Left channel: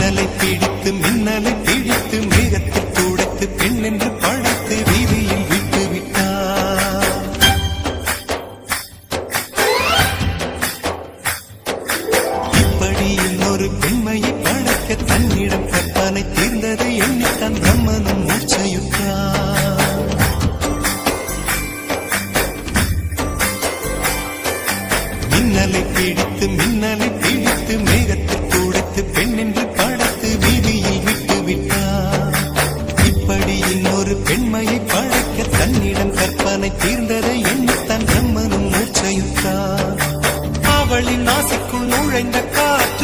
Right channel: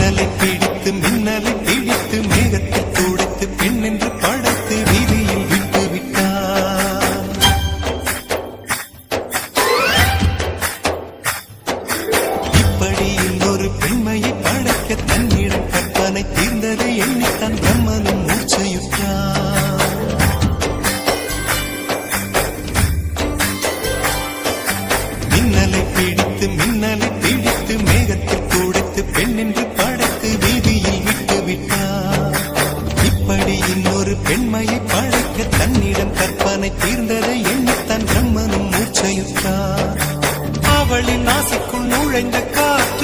மின்னலை பிடித்து மேகத்தில் துடைத்து பெண் என்று படைத்து வீதியில் விட்டு விட்டான். இப்படி இன்னொரு பெண்மையை படைக்க தன்னிடம் கற்பனை தீர்ந்ததை எண்ணித்தான் பிரம்மனும் மூச்சையுற்றான். மின்னலை பிடித்து மேகத்தில் துடைத்து பெண் என்று படைத்து வீதியில் விட்டு விட்டார். இப்படி இன்னொரு பெண்மையை படைக்க தன்னிடம் கற்பனை தீர்ந்ததை எண்ணித்தான் பிரம்மனும் மூச்சையுற்றார். அவளின் நாசிக்குள் நுழைந்த காற்று